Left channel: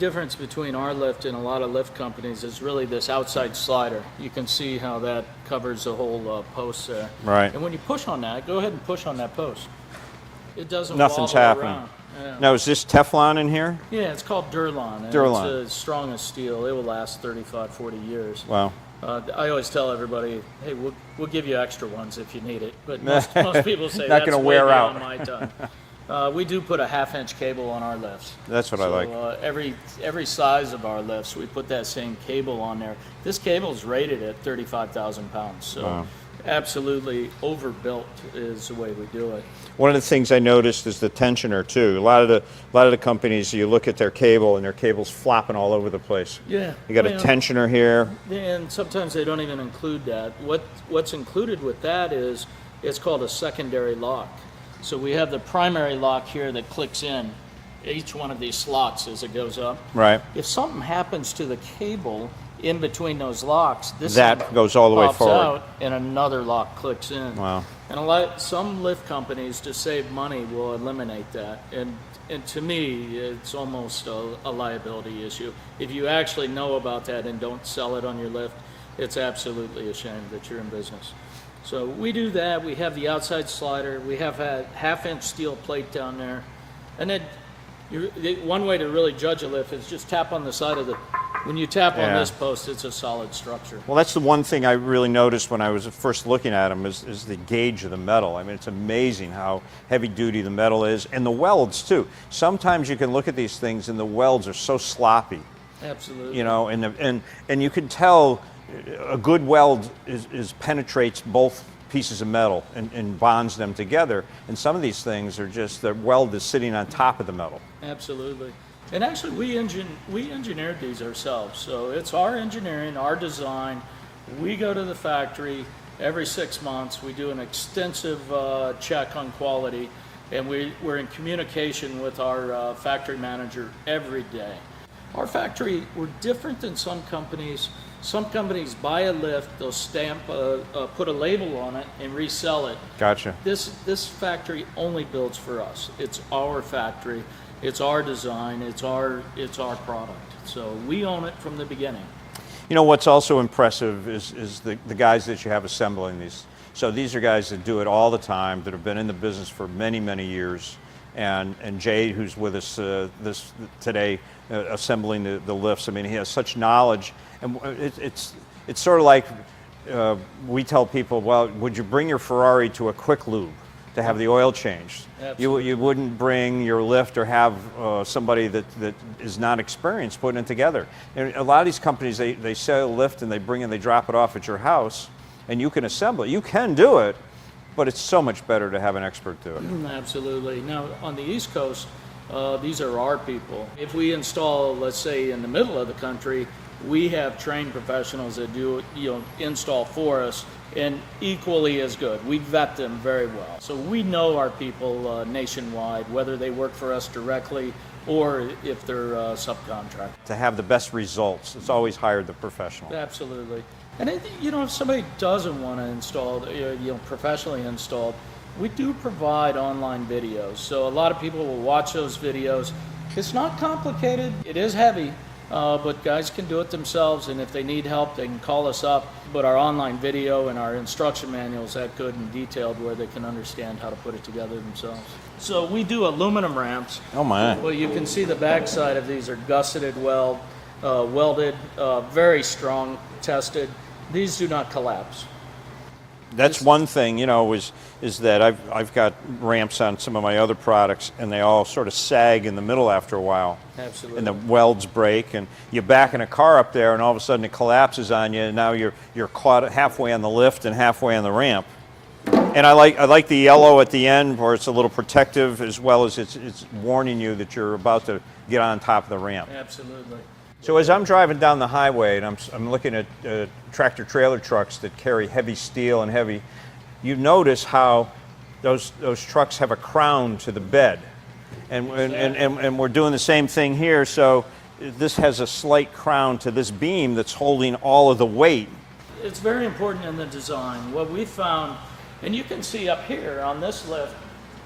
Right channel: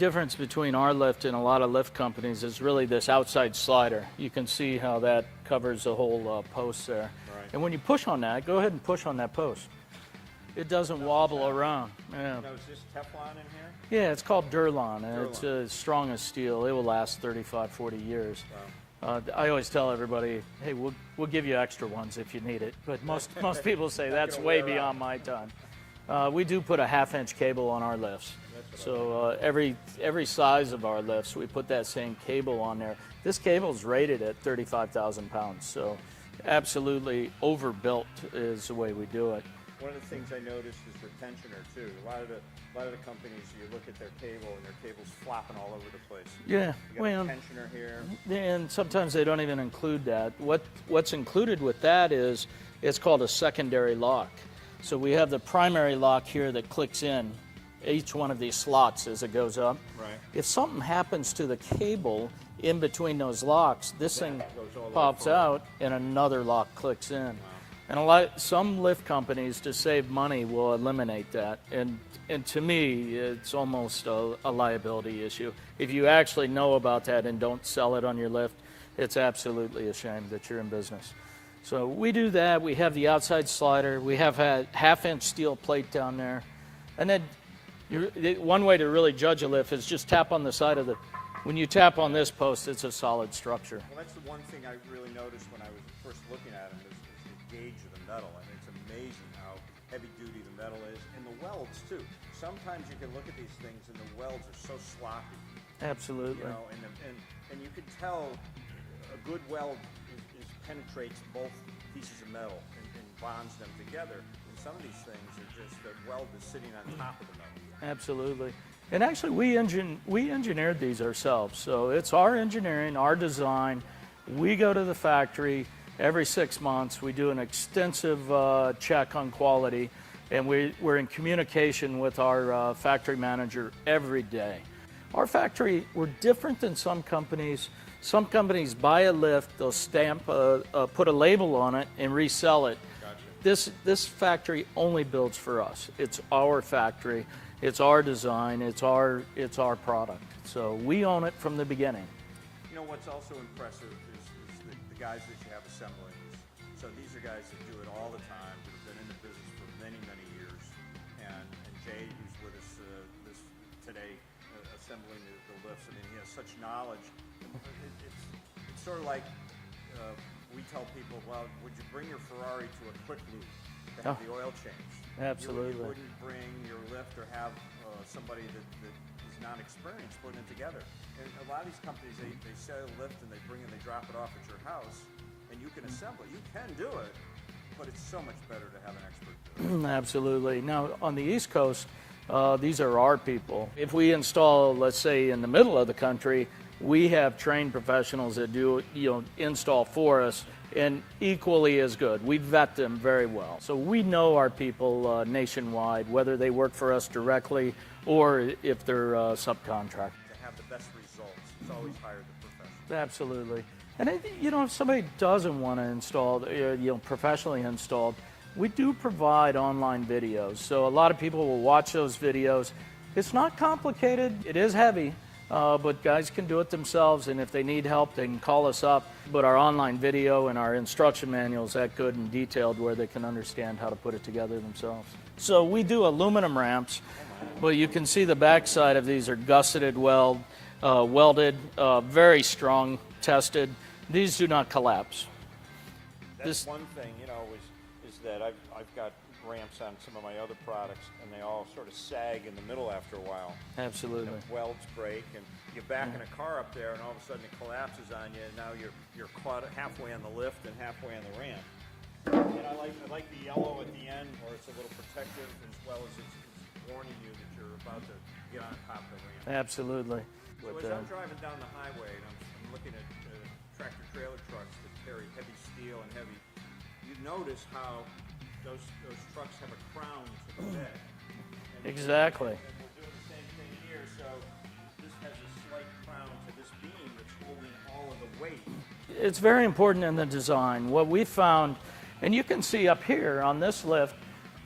difference between our lift and a lot of lift companies is really this outside slider. You can see how that covers the whole post there. Right. And when you push on that, go ahead and push on that post. It doesn't Nothing's wobble happening. around. Yeah. Now, is this Teflon in here? Yeah, it's called Durlon. And Durlon. It's the strongest steel. It will last 35, 40 years. Wow. I always tell everybody, hey, we'll give you extra ones if you need it. But most people say Not that's gonna way wear beyond out. my time. We do put a 1/2-inch cable on our lifts. That's what I like. Every size of our lifts, we put that same cable on there. This cable is rated at 35,000 pounds. So Wow. absolutely overbuilt is the way we do it. One of the things I noticed is the tensioner too. A lot of the companies, you look at their cable and their cable's flopping all over the place. Yeah. You got a tensioner here. And sometimes they don't even include that. What's included with that is it's called a secondary lock. So we have the primary lock here that clicks in each one of these slots as it goes up. Right. If something happens to the cable in between those locks, this That goes all the way pops forward. out and another lock clicks in. Wow. And some lift companies, to save money, will eliminate that. And to me, it's almost a liability issue. If you actually know about that and don't sell it on your lift, it's absolutely a shame that you're in business. So we do that. We have the outside slider. We have a 1/2-inch steel plate down there. And then one way to really judge a lift is just tap on the side of the... When you tap on this post, it's a solid structure. Well, that's the one thing I really noticed when I was first looking at them is the gauge of the metal. I mean, it's amazing how heavy duty the metal is, and the welds too. Sometimes you can look at these things and the welds are so sloppy. Absolutely. You know, and you can tell a good weld penetrates both pieces of metal and bonds them together. And some of these things are just, the weld is sitting on top of the metal. Absolutely. And actually, we engineered these ourselves. So it's our engineering, our design. We go to the factory every 6 months. We do an extensive check on quality, and we're in communication with our factory manager every day. Our factory, we're different than some companies. Some companies buy a lift, they'll stamp, put a label on it, and resell it. Gotcha. This factory only builds for us. It's our factory. It's our design, it's our product. So we own it from the beginning. You know what's also impressive is the guys that you have assembling these. So these are guys that do it all the time, that have been in the business for many, many years. And Jay, who's with us today, assembling the lifts, I mean, he has such knowledge. And it's sort of like we tell people, well, would you bring your Ferrari to a quick lube to have the oil changed? You wouldn't bring your lift or have somebody that is not experienced putting it together. And a lot of these companies, they sell a lift and they drop it off at your house, and you can assemble it. You can do it, but it's so much better to have an expert do it. Absolutely. Now, on the East Coast, these are our people. If we install, let's say, in the middle of the country, we have trained professionals that do install for us, and equally as good. We vet them very well. So we know our people nationwide, whether they work for us directly or if they're subcontract. To have the best results, it's always hire the professional. Absolutely. And if somebody doesn't want to install, professionally installed, we do provide online videos. So a lot of people will watch those videos. It's not complicated. It is heavy. But guys can do it themselves, and if they need help, they can call us up. But our online video and our instruction manual is that good and detailed where they can understand how to put it together themselves. So we do aluminum ramps. Oh my. Well, you can see the back side of these are gusseted welded, very strong, tested. These do not collapse. That's one thing, is that I've got ramps on some of my other products, and they all sort of sag in the middle after a while. Absolutely. And the welds break, and you back in a car up there, and all of a sudden it collapses on you, and now you're caught halfway on the lift and halfway on the ramp. And I like the yellow at the end, where it's a little protective, as well as it's warning you that you're about to get on top of the ramp. Absolutely. So as I'm driving down the highway and I'm looking at tractor trailer trucks that carry heavy steel and heavy, you notice how those trucks have a crown to the bed. And, Exactly. and we're doing the same thing here, so this has a slight crown to this beam that's holding all of the weight. It's very important in the design. What we found, and you can see up here on this lift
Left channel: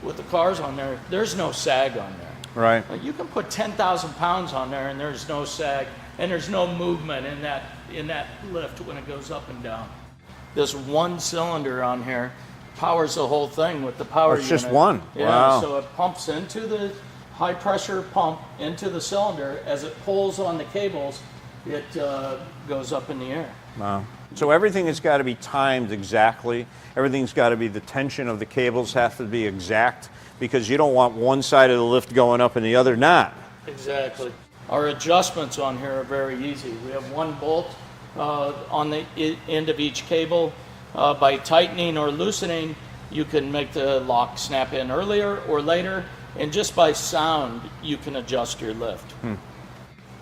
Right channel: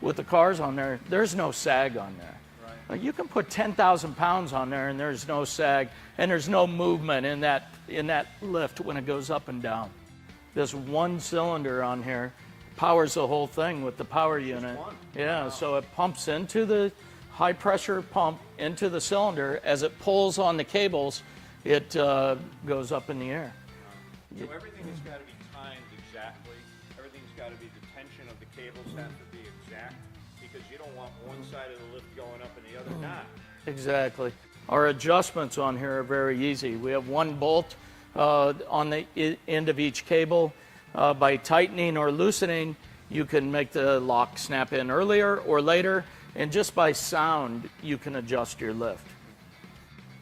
with the cars on there, there's no sag on there. Right. Like, you can put 10,000 pounds on there and there's no sag and there's no movement in that lift when it goes up and down. This one cylinder on here powers the whole thing with the power It's unit. just one. Yeah, Wow. so it pumps into the high pressure pump into the cylinder. As it pulls on the cables, it goes up in the air. Wow. So everything has got to be timed exactly. Everything's got to be, the tension of the cables have to be exact, because you don't want one side of the lift going up and the other not. Exactly. Our adjustments on here are very easy. We have one bolt on the end of each cable. By tightening or loosening, you can make the lock snap in earlier or later, and just by sound, you can adjust your lift.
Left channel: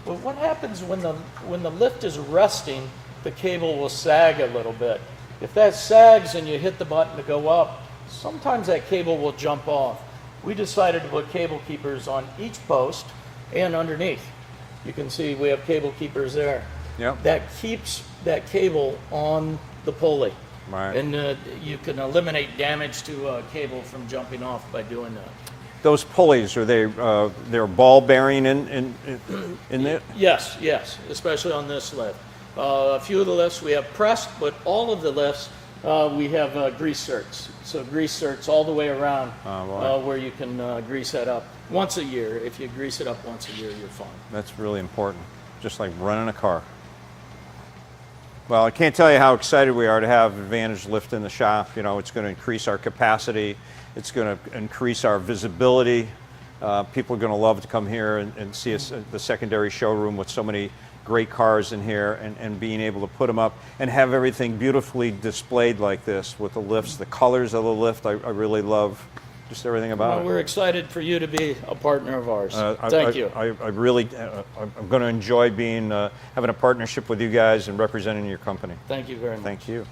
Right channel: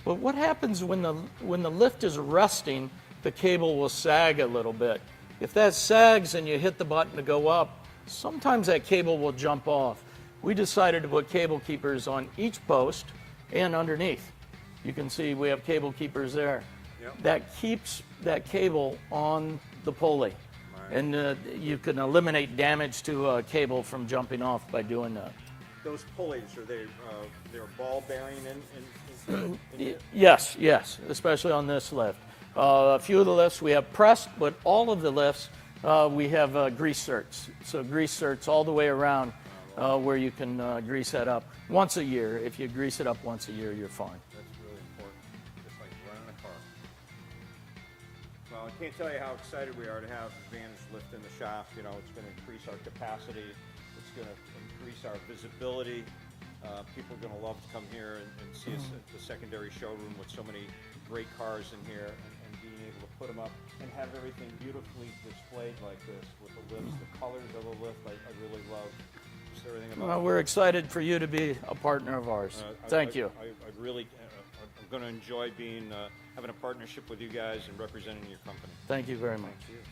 But what happens when the lift is resting, the cable will sag a little bit. If that sags and you hit the button to go up, sometimes that cable will jump off. We decided to put cable keepers on each post and underneath. You can see we have cable keepers there. Yep. That keeps that cable on the pulley. Right. And you can eliminate damage to a cable from jumping off by doing that. Those pulleys, are they they're ball bearing in it? Yes, yes, especially on this lift. A few of the lifts we have pressed, but all of the lifts we have grease certs. So grease certs all the way around where you can grease that up once a year. If you grease it up once a year, you're fine. That's really important, just like running a car. Well, I can't tell you how excited we are to have Advantage Lift in the shop. You know, it's going to increase our capacity. It's going to increase our visibility. People are going to love to come here and see us at the secondary showroom with so many great cars in here, and being able to put them up and have everything beautifully displayed like this with the lifts, the colors of the lift. I really love just everything about it. We're excited for you to be a partner of ours. Thank you. I really, I'm going to enjoy being having a partnership with you guys and representing your company. Thank you very much. Thank you.